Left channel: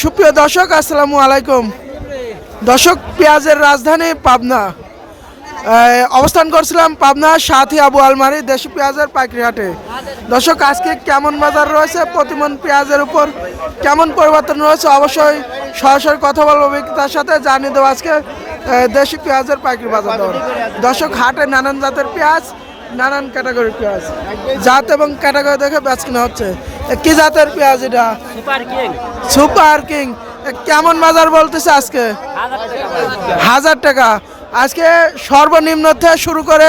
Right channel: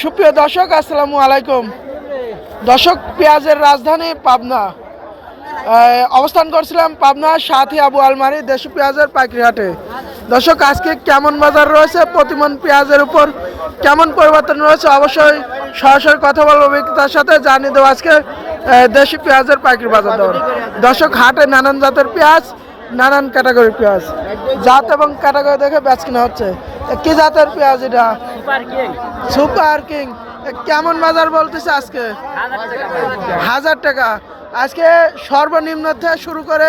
সুপ্রিয় দর্শক, আসসালামু আলাইকুম। দর্শক, পেঁয়াজের রাজধানী পাবনা অবস্থান করছিলাম পাবনা সাথী আবু আলমারি দেশি পেঁয়াজের পাইকারি হাটে। দর্শক, আজকে কেমন বাজার রয়েছে, প্রতিমন পেঁয়াজের উপর কেমন পরিবর্তন রয়েছে, অবশ্যই সরাসরি কথা বলবো বিক্রেতার সাথে, জানিয়ে দেবো আজকে দেশি পেঁয়াজের পাইকারি বাজার দর। দর্শক, হাটে নানান জাতের পেঁয়াজ, নানান ক্যাটাগরির পেঁয়াজ, জাত এবং ক্যাটাগরি দেখে বেচ কিনা হচ্ছে। কি জাতের পেঁয়াজ এটা? Super king. কেমন বাজার বলতেছে আজকে? 1000 টাকা। আজকে সর্বনিম্ন থেকে শুরু করে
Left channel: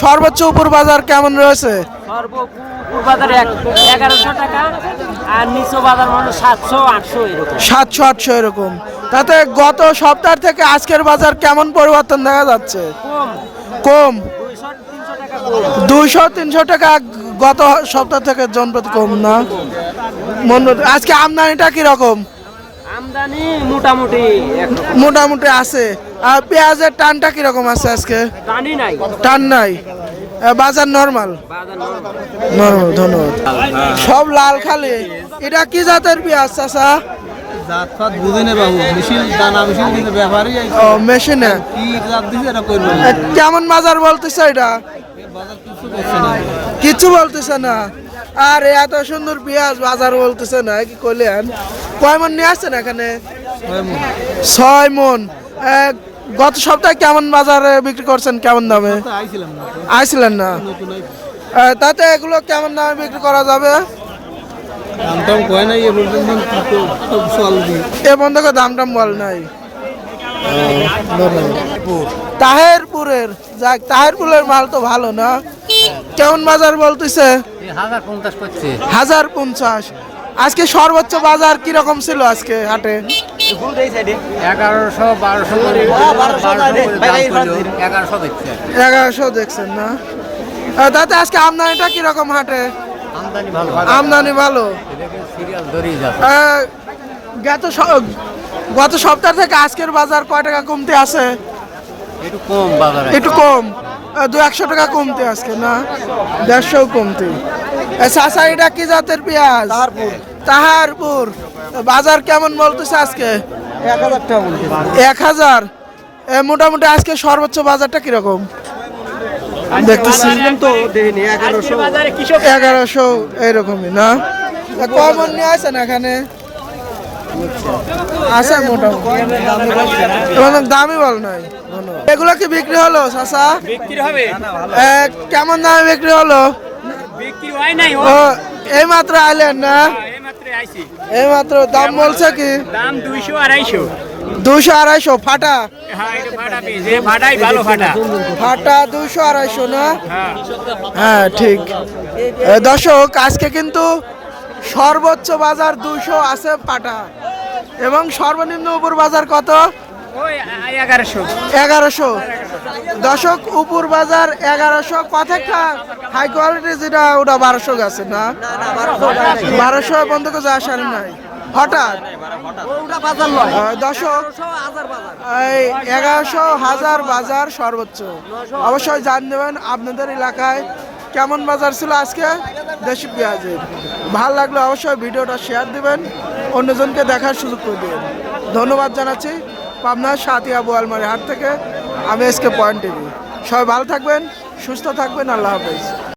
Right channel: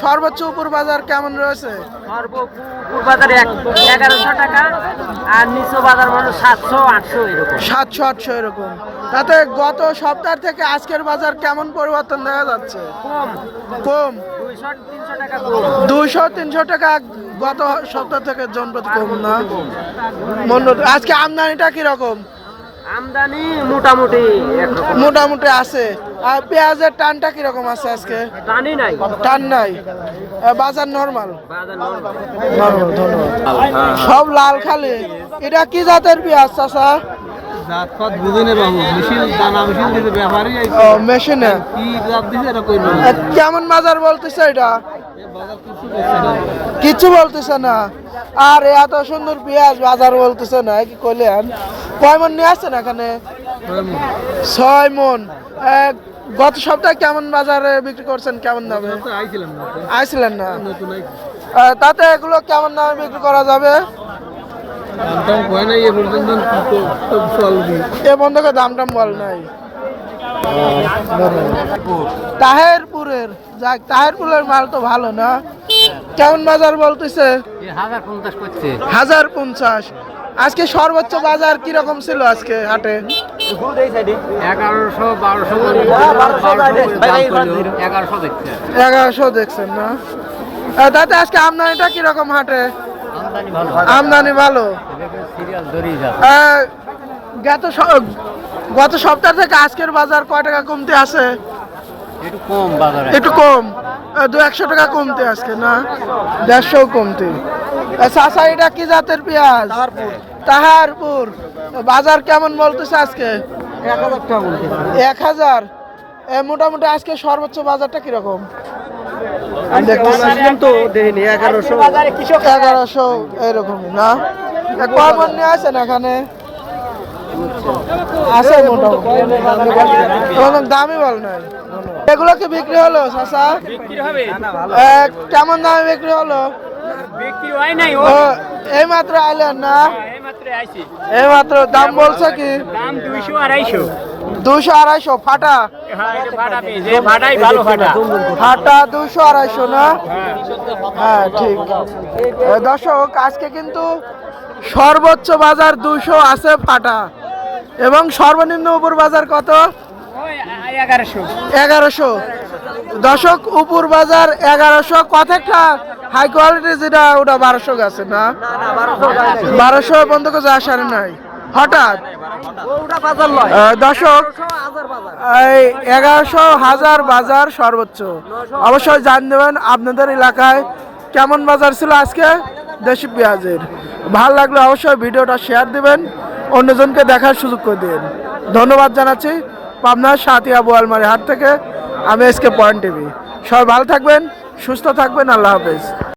সর্বোচ্চ উপর বাজার কেমন রয়েছে? সর্বোচ্চ বাজার 1100 টাকা আর নিচু বাজার মানে 700-800 এরকম। 700-800 এরকম। তাতে গত সপ্তাহ থেকে আজকের বাজার কেমন পরিবর্তন দেখা যাচ্ছে? কম। 200-300 টাকা গত সপ্তাহ থেকে জনপ্রতি কম না? আজকে আমদানিটা কিরকম? আমদানি মোটামুটি মোটামুটি আছে। আর পেঁয়াজের টানটা কিরকম আছে আজকে? টান নাই, বাজার নরমাল। নরমাল। ধন্যবাদ। সব লাল খালি। এটা কি জাতের পেঁয়াজ চাচা? মেশিনে কেমন বাজার বলতেছে? এটা কিছু বলতেছে না। আর এত সুন্দর পেঁয়াজ বাজার বলতেছে না, কি করলেন? কয় মন নিয়ে আসছেন এখানে? 6 মন। গত সপ্তাহে কেমন বাজারে বিক্রি করছেন, কেমন দামে? আইছিলেন না। তাতে এগুলো কেমন দামে বিক্রি করা যাবে? এ বন্ধ দাম টাম বল নাই। তাহেরপুরের, যাক, তাহেরপুরের মাল তো ভালো না। কেমন বাজার বলতেছে? 1050। আজকে সর্বোচ্চ বাজার কিরকম ছিল আজকে হাটে? 1100 দেখছেন না? তাতে আজকে আমদানিটা কিরকম হাটে? আমদানি ভালো। গত সপ্তাহ থেকে আজকের বাজার কয় টাকা কমতে আছে? একটু কম। 200 টাকা কমতে আজকে না? 150 কমতে। চাচা, এটা কি জাতের পেঁয়াজ? তাহারপুর। বাজার কেমন বলতেছে আজকে? 1000। মোটামুটি আজকে সর্বোচ্চ বাজারটা কিরকম দেখতেছি? 1100 এরকমই না? কমন নিয়ে আসেন এখানে আছে মোটামুটি। দামি বল নাই। এগুলো কি বিক্রি হলো চাচা? কেমন দামে বিক্রি হলো? এই মাত্র আইলেন না? এই মাত্র দাম বলছে কি? 200-250 ফাটা। ফাটা 200-250 না? হ্যাঁ, ঠিক। দর্শক, আজকে কিন্তু সর্বোচ্চ বাজার 200 আছে ফাটা, এবং সর্বনিম্ন উপর বাজার কত? 1100। দর্শক, উপর বাজার 1100। কথা হাই কোয়ালিটি যেটা, ওটা 1200 গেছে না? 1200 বন্ধ করে যাওয়া সারি নাই হঠাৎ। দর্শক, 1100-1000 বাজার সর্বোচ্চ। অবশ্যই জান দেবেন আপনাদের এলাকায় কেমন বাজার ছিল আজকে দেশি পেঁয়াজের। ভালো লাগলে অবশ্যই ভিডিওটা শেয়ার দিবেন, অন্যজনকে দেখার সুযোগ করে দেবেন। ধন্যবাদ জানাচ্ছি পাবনার সাথী আবু আলমারি হাট থেকে। আমি এসকে পয়েন্ট টিভি। সবাই ভালো থাকবেন, সুস্থ থাকবেন। আল্লাহ হাফেজ।